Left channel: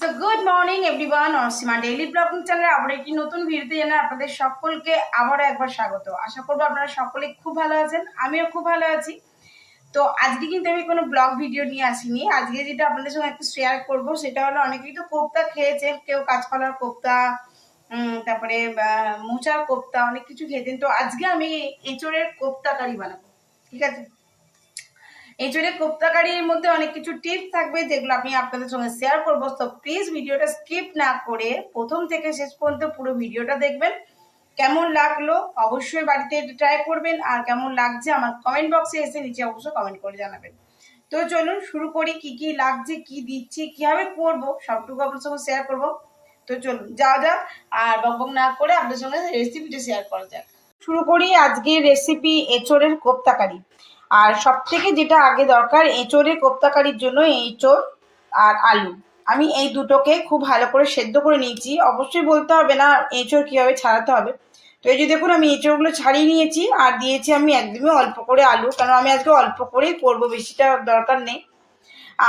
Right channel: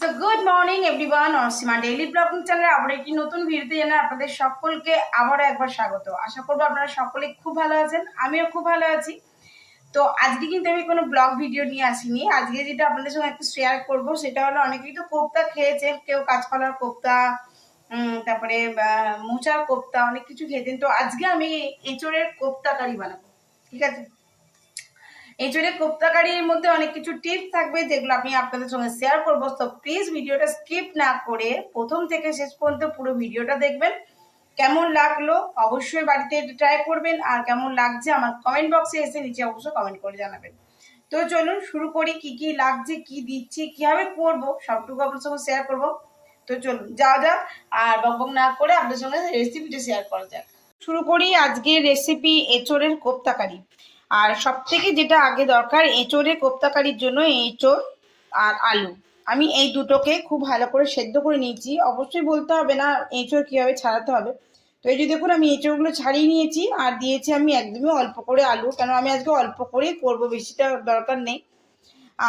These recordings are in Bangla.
So good morning everyone Asima daily blogging চ্যানেলে আবার একটি নতুন ভিডিওতে জানাই আপনাদের সকলকে আবারও একবার স্বাগত। আশা করব আপনারা সকলে খুব ভালো আছেন, আমিও খুব ভালো আছি। তো, আজকে কিন্তু আমি কোনো ব্লগ ভিডিও নিয়ে আসিনি। আজকে যেটা আপনাদের সঙ্গে একটু শেয়ার করব, সেটা হলো অনেকেই তো কোপ্তা খেয়েছেন, কেউ কাঁচকলার কোপ্তা তারপরে মোচার কোপ্তা, অনেক কিছু খেয়েছেন। তো, আজকে আমি এঁচড়ের কোপ্তা কারি বানাবো। ঠিক আছে? এঁচড়ে কোপ্তাকারির মধ্যে অনেক কিছু টিপস থাকবে যেগুলো আমি আপনাদের সঙ্গে শেয়ার করব। তো প্লিজ ভিডিওটা স্কিপ না করে প্রথম থেকে শেষ পর্যন্ত পুরো ভিডিওটা দেখবেন। কেমন লাগল অবশ্যই বাড়িতে ট্রাই করবেন। আর কেমন লাগছে আমার কমেন্ট বক্সে এসে নিচে অবশ্যই কমেন্ট করে জানাবেন। তো চলুন শুরু করি কি কি লাগছে, কি দিচ্ছি, কীভাবে করব, সবটুকু আপনার সঙ্গে শেয়ার করব। তো চলুন, যাওয়া যাক। আর বকবক না করে আপনার সঙ্গে রেসিপিটা শেয়ার করা যাক। শুরু করি আজকের রেসিপি এঁচড়ের কোপ্তাকারি। আর সব থেকে যেটা আগে দরকার, এঁচড়ের কোপ্তাকারির জন্য এঁচড় আর আলু। আমি এই দুটোকে খুব ভালো করে সেদ্ধ করে নিয়েছি। অবশ্যই বলতে হবে না, এঁচোড় কীভাবে ছাড়াতে হবে। তো এই যে দেখুন, আমি এঁচোড়গুলো ছাড়িয়ে নিয়েছি আর দিয়েছি আমি একদমই অল্প করে আলু কারণ আমি আজকে অল্প করেই করব, বেশিটা দরকার নেই।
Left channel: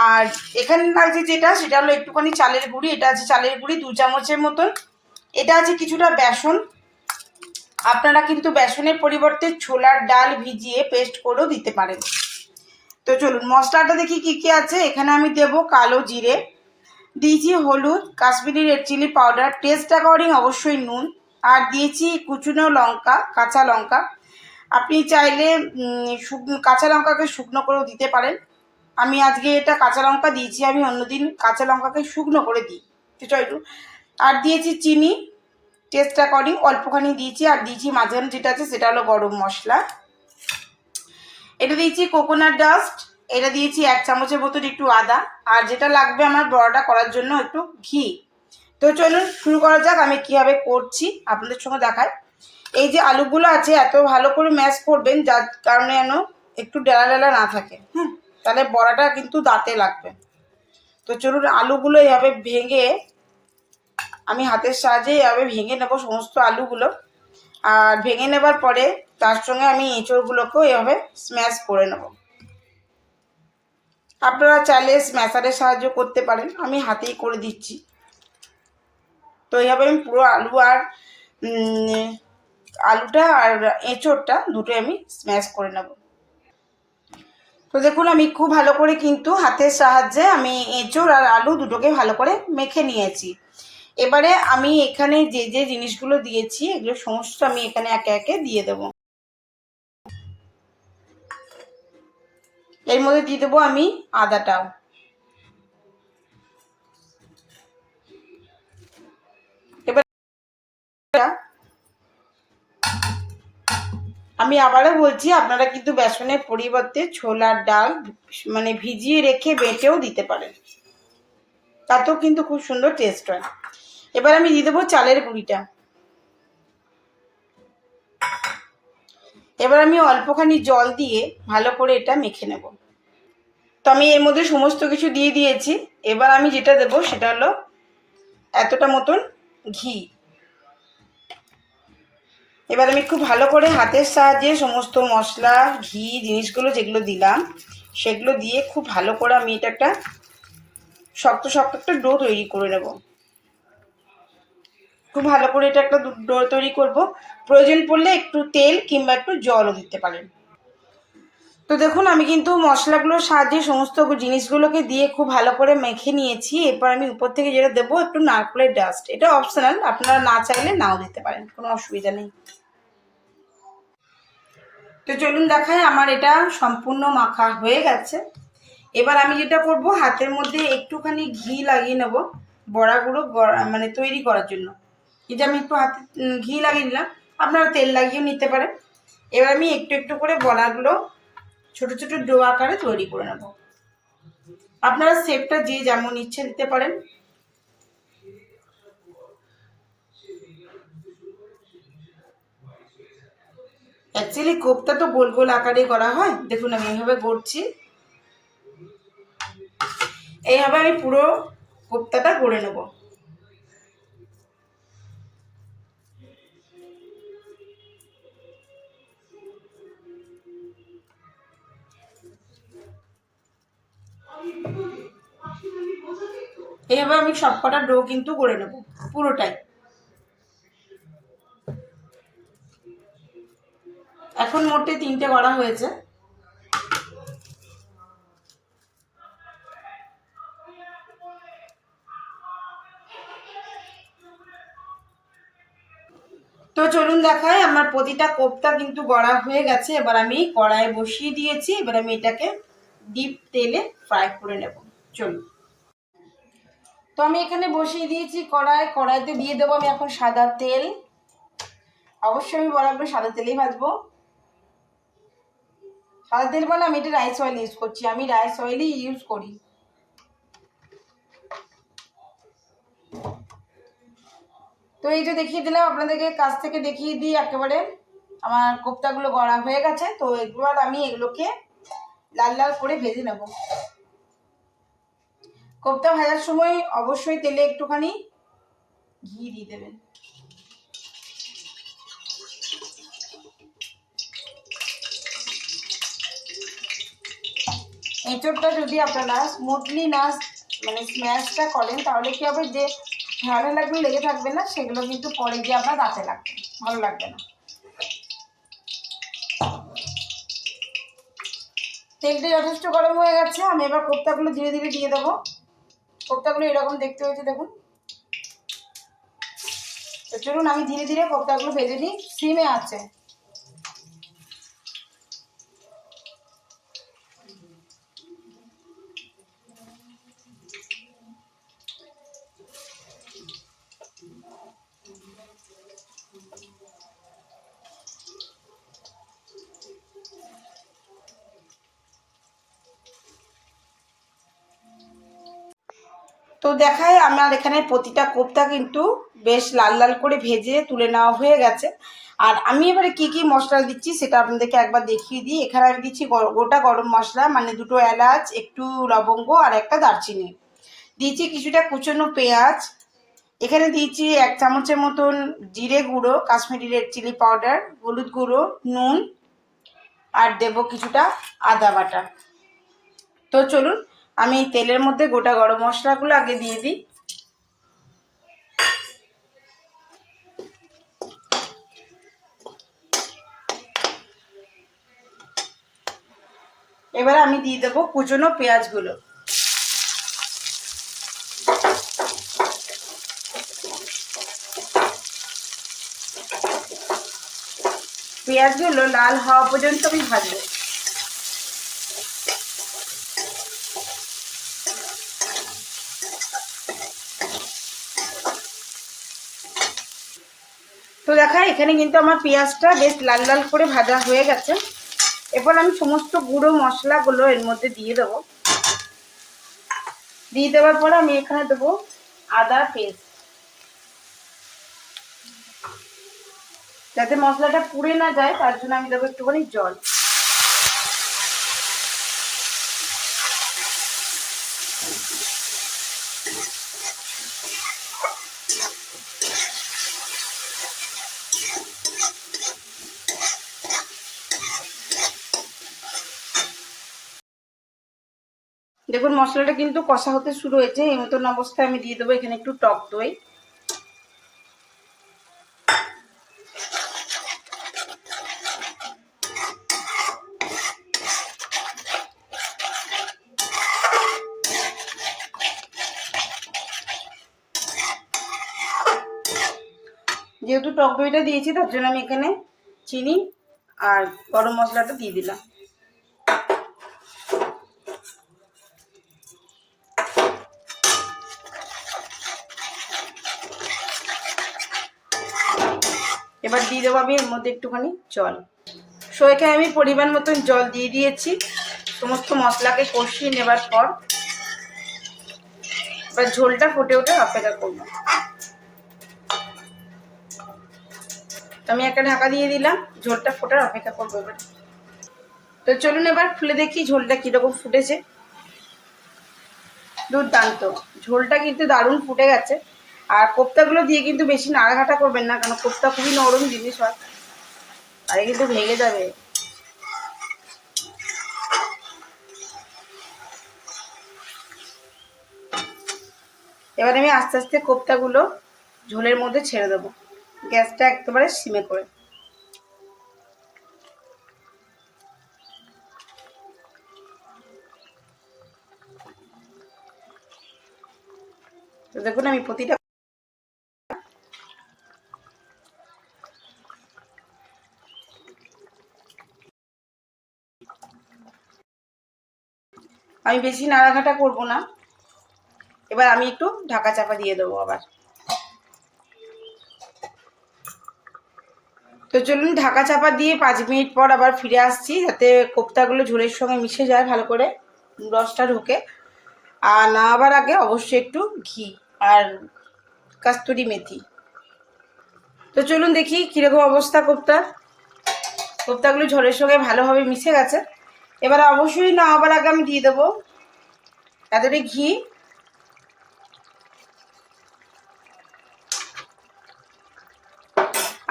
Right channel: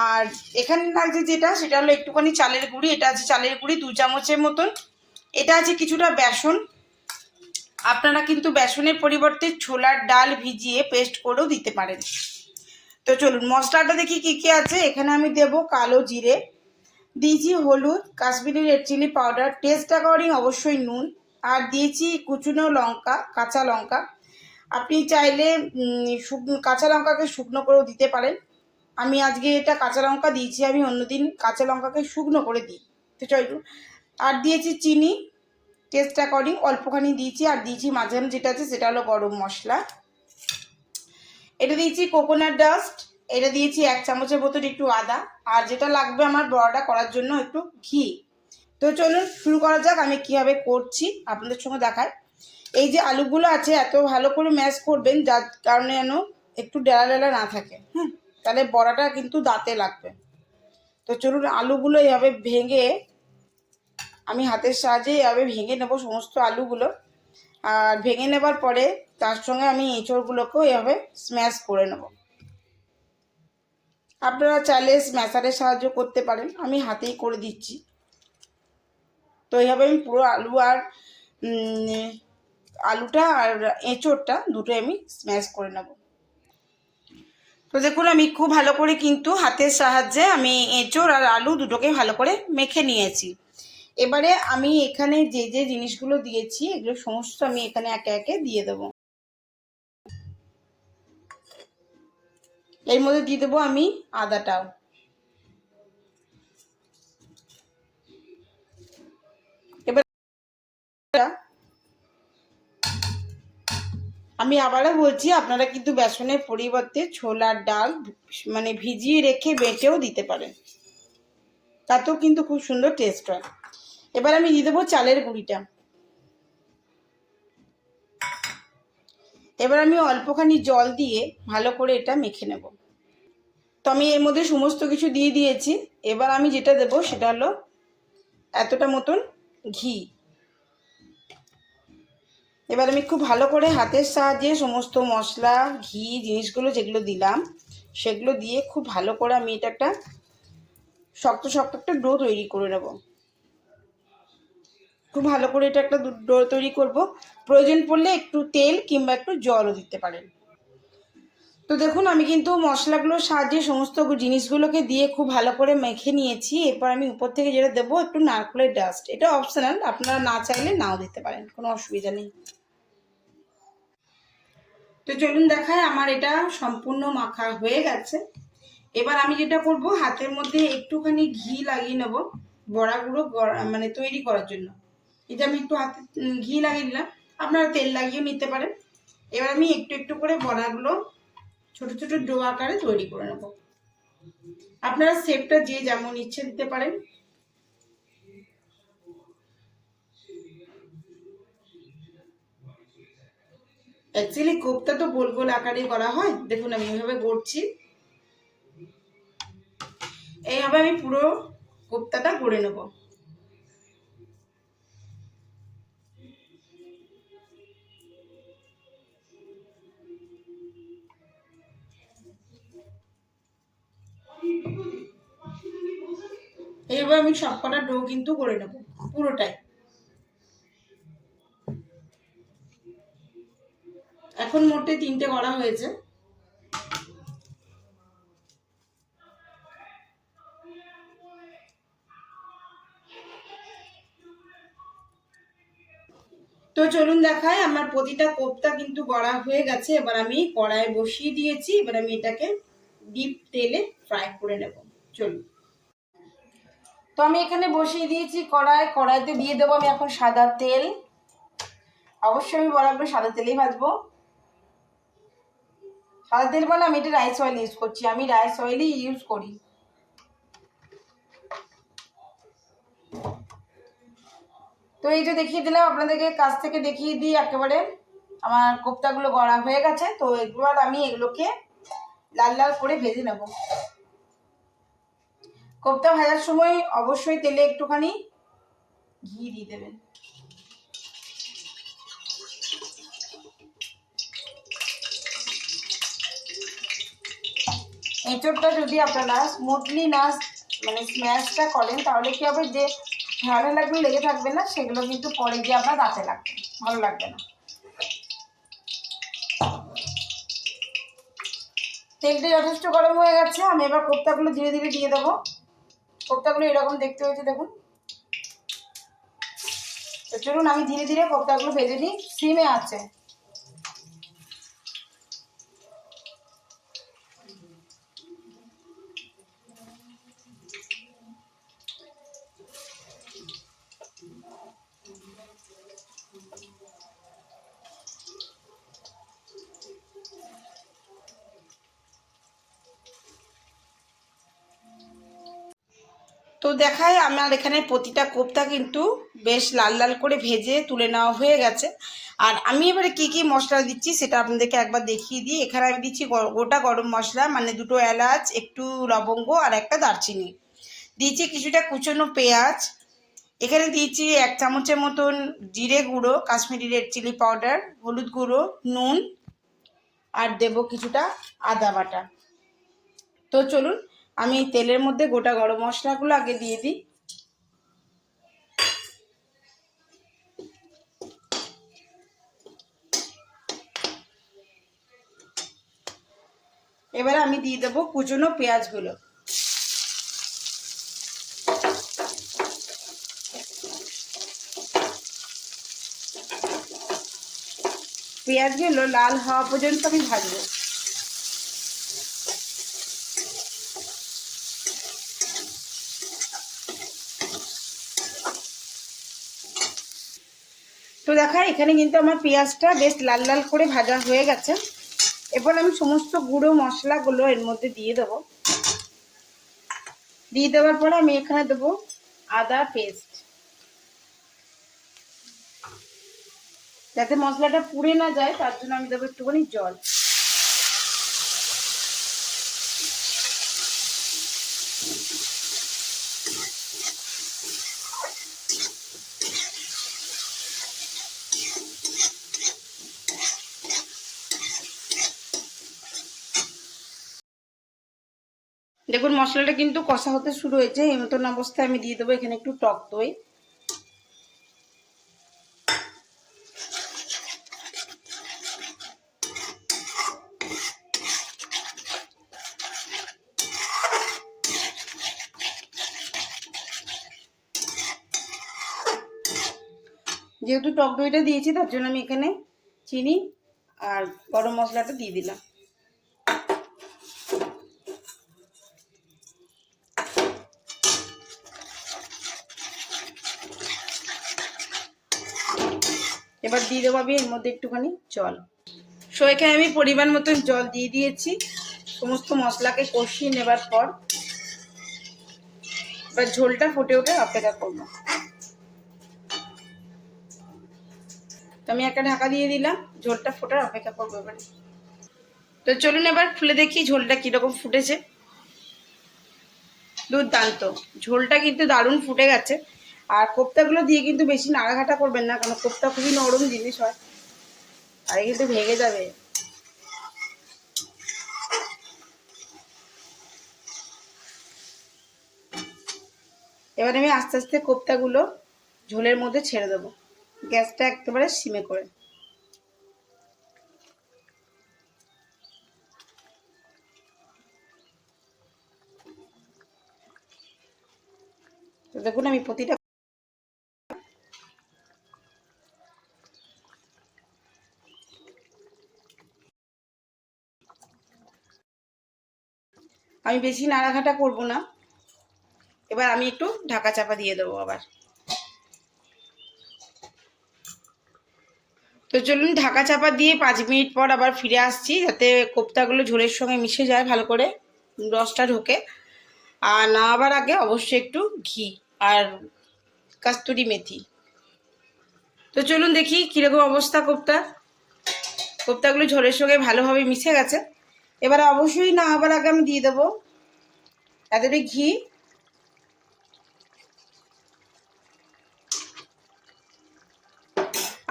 আর এখানে লাগছে যেটা, সেটা হলো একটুখানি চালের গুঁড়ি। এটা আছে চালের গুঁড়ি দু চামচের মতন। এটা আছে কিছুটা বেসন। আপনারা কিন্তু বেসনের পরিবর্তে ছোলার ডাল ভিজিয়ে পেস্ট করেও দিতে পারেন। তো চলুন, মশলাটা দেখি কি কি আছে। এখানে আমি দেব কালো জিরে, দিয়েছি হলুদ, Kashmiri red chilli powder taste according অবশ্যই নুন, আর দিয়েছি কুচুনো লঙ্কা, কাঁচা লঙ্কা। আপনি চাইলে কাঁচা লঙ্কাকে শুকনো করেও দিতে পারেন। আমি আজকে এটা কাঁচা লঙ্কা দিয়েছি, আমি অন্যদিন কাঁচা লঙ্কাকে শুকনো করে দিই। তো আর দিয়েছি চিনি টেস্ট অ্যাকর্ডিং অল্পখানি দিয়েছি আর দিয়েছি মাঝখানে যেটা আছে সেটা হলো গরম মশলা। এটা দিয়েছি কোকোনাট ডাস্ট এটা দিয়েছি এক চামচের মতন একটু আদা, আর যেটা লাগবে আমার বড়াটা করার জন্য একটু ঘি। তো চলুন শুরু করা যাক, আমি কীভাবে করছি আপনাদের সঙ্গে দেখায় এই যে আলুগুলো আছে, এত ভালো করে ম্যাশ করবেন, যার কারণে যেন একটু ডেলা ডেলা না থাকে। হ্যাঁ তাহলে বড়াটা কিন্তু দাঁতে লাগবে। তো চলুন আলুগুলো এইভাবে ভেঙে আমি হাতের সাহায্যে এভাবে ভেঙে নেব সমস্ত আলুগুলো। আর ভেঙে নেবার পরে তার সঙ্গে আমি এঁচড়গুলোকেও এভাবে স্ম্যাশ করে নেব। আপনারা চাইলে স্ম্যাশারের সাহায্য করতে পারেন। আমি হাতেই করে দিচ্ছি। তো এইভাবে আমি পুরো আলু আর আলুটা আর এঁচড়টা দুটোই আমি স্ম্যাশ করে নেব। তো দেখুন, আমি খুব ভালো করে কিন্তু হাতের সাহায্যে আমি এঁচড় আর আলু দুটোকে ভালো করে মেখে নিয়েছি। এবারে আমি এখানে যে যে জিনিসগুলো দিয়েছি, এগুলো সমস্ত আমি এখানে একে একে দিয়ে দেবো। এর মধ্যে দিয়ে দেবো আমি আদাটাও। এবার আমি আবারও বলছি, আপনারা কিন্তু বেসনের পরিবর্তে ছোলার ডাল মানে ভিজিয়ে রেখে বেটেও দিতে পারেন। তাতেও কিন্তু খুব সুন্দর টেস্ট হয়। এবার আমি দিয়ে দেবো চালের গুঁড়িটা। এবার আমি অল্পখানি জল দিয়ে ভালো করে এটা মেখে নেব। তো আমি এর মধ্যে সমস্ত কিছু দিয়ে দিয়েছি। এবার আমি যেটা দেবো সেটা হলো এতটা মতন ঘি। এবার আমি খুব ভালো করে হাতের সাহায্যে সমস্ত মশলা, ঘি, জিনিসগুলো যেগুলো দিলাম, সেগুলো দিয়ে খুব ভালো করে আমি এটা একটা শক্ত শক্ত একটা ডো তৈরি করে নেব। খুব ভালো করে এটা একটা ডো তৈরি করব। প্রয়োজন পড়লে একটু তেল কিংবা একটু জলও দিতে পারেন। তো দেখুন, আমি কিন্তু মশলাগুলোর সাহায্যে সমস্ত জিনিসগুলোকে দিয়ে খুব ভালো করে মেখে নিয়েছি। এরপর আমি উপর থেকে যেটা দেবো, একটু নারকেলের ডাস্ট এটা অপশনাল আপনারা না চাইলে নাও দিতে পারেন, কোনো অসুবিধা নেই। তো চলুন দেখায় আমার এটা সম্পূর্ণ মাখা হয়ে গেছে। এবার আমি যেটা করব, হাতের মধ্যে একটুখানি ঘি লাগিয়ে নেব বড়াগুলো মানে তৈরি করার জন্য। এটা আমি একটু হাতে ঘি লাগিয়ে নিলাম। আপনারা তেল লাগিয়েও নিতে পারেন। এবার আমি একটু একটু করে বড়াগুলো ছোট ছোট ডো আকারে তৈরি করে নেব। আপনারা শেপটা যে যেমন ইচ্ছে দিতে পারেন। অ্যাকচুয়ালি কোপ্তা তো গোল গোল আকারে করা হয়। দেখুন, আমি এইভাবে গড়ছি। এইভাবে আমি পুরো কোপ্তাটা গড়ে নেব। এইভাবে আমি সবকটা ডো কিন্তু করে নেব, পুরোটাই। এখন মোটে তিনটে করা হয়েছে। তো চলুন দেখাই, আমার প্রতিটা কোপ্তা কিন্তু গড়া হয়ে গেছে। এবার আমি কড়াইয়ে বসিয়ে দিয়েছি, এবার আমি এটাকে ডিপ তেলে ফ্রাই করে নেব। চলুন। আমি এখানে বসিয়ে দিয়েছি কড়াই, কড়াইতে দিয়ে দেবো আমি এখন সাদা তেল। অবশ্যই আমি বরাবর সাদা তেলেই ভাজবো। সাদা তেল বলে আমি এটা রাইস অয়েল ইউজ করছি, আমি রাইস অয়েলই ইউজ করি। তো এই যে দেখিয়ে দিলাম, আপনাদেরকে কাছ থেকে দেখিয়ে দিই একেবারে। আমার কোপ্তাগুলো গড়া হয়ে গেছে, তো এবার আমি এগুলোকে লাল লাল করে ভেজে নেব। কোপ্তা ভাজার সময় অবশ্যই তেলে একটুখানি ঘি দিয়ে দেবেন। এঁচড়টা যদি আপনারা স্মুথলি না মানে স্ম্যাশটা করেন, তাহলে কি হবে যে ভালো লাগবে লেগে থাকবে না, সেগুলো কিন্তু পরে গিয়ে আপনার দাঁতে লাগবে, ভালো লাগবে না। তেলটা যথেষ্ট গরম হয়ে গেছে, আমি এবার কোপ্তাগুলো ধীরে ধীরে দিয়ে দেবো। কোপ্তাগুলো এরকম দেখতে হয়েছে দেখুন। চলুন আমি ধীরে ধীরে কোপ্তাগুলো ভেজে নিই। সিমে আছে। তো দেখায় আমার এখানে প্রতিটা কোপ্তা কিন্তু বেশ লাল লাল করে ভেজে তুলে নেওয়া হয়ে গেছে। আর আমি এবারে কি কি মশলা দিচ্ছি সেটা আপনাদেরকে একবার দেখিয়ে দিই। এখানে আমি দিচ্ছি গোটা গরম মশলা মানে দুটো এলাচ, একটু লবঙ্গ আর একটা দারচিনি। দিয়েছি কিছুটা কুচনো পেঁয়াজ। এখানে দিয়েছি এক চামচের মতন জিরে গুঁড়ো, কাশ্মীরি রেড চিলি পাউডার, হলুদ গুঁড়ো, নুন, আর দেব কিছুটা আদা বাটা। তো চলুন আমি তেলের মধ্যে গোটা গরম মশলাগুলো আগে দিয়ে দিই। এবারে আমি দিয়ে দেবো কুচনো পেঁয়াজগুলো। পেঁয়াজগুলো লাল হওয়া পর্যন্ত আমি ভাজবো। তো দেখা, এখানে কিন্তু আমার পেঁয়াজটা বেশ লাল লাল করে ভাজা হয়ে গেছে। এরপর আমি সমস্ত গুঁড়ো মশলাগুলো এর মধ্যে দিয়ে দেবো। দিয়ে দেওয়ার পর আমি এখানে দেবো আদা পেস্ট। যাতে মশলাটা পুড়ে না যায়, তার জন্য আমি দেবো একটুখানি জল। দেখুন, মশলাটা কিন্তু কষা হতে শুরু হয়েছে। এই মতন অবস্থায় আমি দিয়ে দেবো এখানে একটু টক দই। যেহেতু টক দইটা দিয়েছি, তার জন্য আমি এখানে চিনি আর গরম মশলাটা দিয়ে দিলাম। এবার দিয়ে দেবো আমি এর মধ্যে একটুখানি জল। সো এখানে আমি পরিমাণ মতন জল দিয়ে দিয়েছি। সমস্ত মশলাকে কষিয়ে নেবার পর এবার ঝোলটা ফুটে ওঠে অপেক্ষা করব। আমি একটা ঢাকা দিয়ে দিলাম, ঝোলটা ফোটার অপেক্ষা করব এবার। তো চলুন এবার খুলে দেখি ঝোলটা কীরকম ফুটেছে। দুর্দান্ত। ঝোলটা কিন্তু দারুণ ফুটে গেছে। আর কোপ্তাগুলো দিয়ে কিন্তু বেশি নাড়াঘাটা করবেন না, কারণ কোপ্তা খুবই নরম জিনিস হয়। আর কিন্তু ভেঙে যাবে। এবার আমি আস্তে আস্তে কোপ্তাগুলো ঝোলের মধ্যে ছেড়ে দেবো। গ্যাসটা একেবারে সিমে করে। দেখুন আমি প্রতিটা আমি বেশি নাড়াঘাটা করব না। এবার আমি একটু ঢাকা চাপা দিয়ে দেবো আবার। তো চলুন ঢাকা চাপা দিয়ে পাঁচ মিনিট পর আবার ফিরে আসছি, যাতে কোপ্তাগুলো ঝোলের সঙ্গে মিশে যায় ভালো করে, রসটা ঢোকে। আর নামাবার আগে অবশ্যই একটু ঘি আর কাস্তুরি মেথি। তো চলুন দেখি কীরকম অবস্থা কোপ্তার। কোপ্তাগুলো ঝোলের সঙ্গে ভালোভাবে মিশে গেছে। এবার অবশ্যই নামাবার আগে আমি দিয়ে দেবো। তাদের ঘি।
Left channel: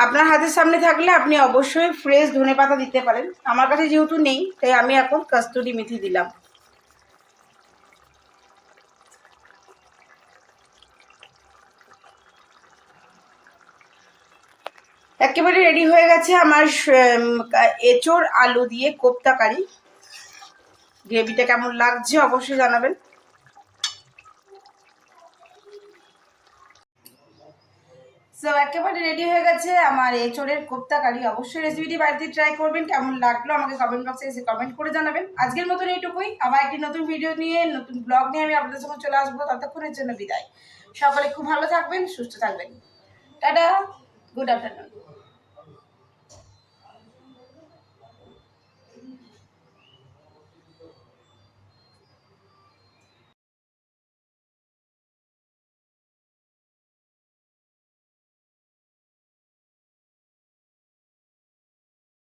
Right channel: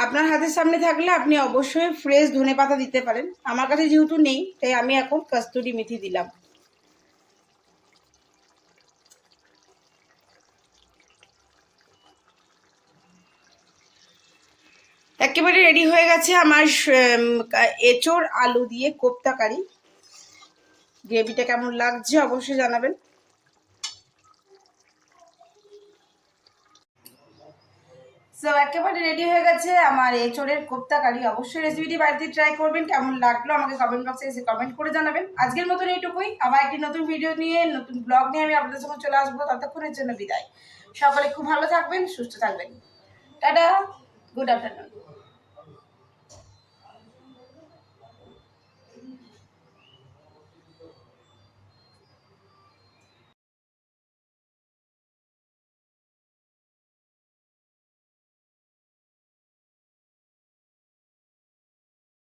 আপনার হাতের সামনে থাকলে আপনি অবশ্যই ফ্রেশ ধনে পাতা দিতে পারেন। আমার কাছে যেহেতু নেই, তাই আমি এখন কাস্তুরি মেথি দিলাম। একেবারে রেডি হয়ে গেছে আমার এঁচোড় আলু দিয়ে কোপ্তা কারি গ্রেভিটা কেমন লাগছে অবশ্যই জানাবেন। সো একেবারে রেডি হয়ে গেছে আমার এঁচোড়ের কোপ্তা কারি। অবশ্যই রেসিপিটি বাড়িতে ট্রাই করবেন, কেমন লাগল আমাকে কমেন্ট বক্সে এসে কমেন্ট করে জানাবেন। আজকের মতন এইটুকুই। আবার একটি নতুন ভিডিও নিয়ে, নতুন ব্লগ নিয়ে আমি আপনাদের সঙ্গে চলে আসব। ততক্ষণের জন্য বিদায়। সকলে খুব ভালো থাকবেন, সুস্থ থাকবেন। Tata good afternoon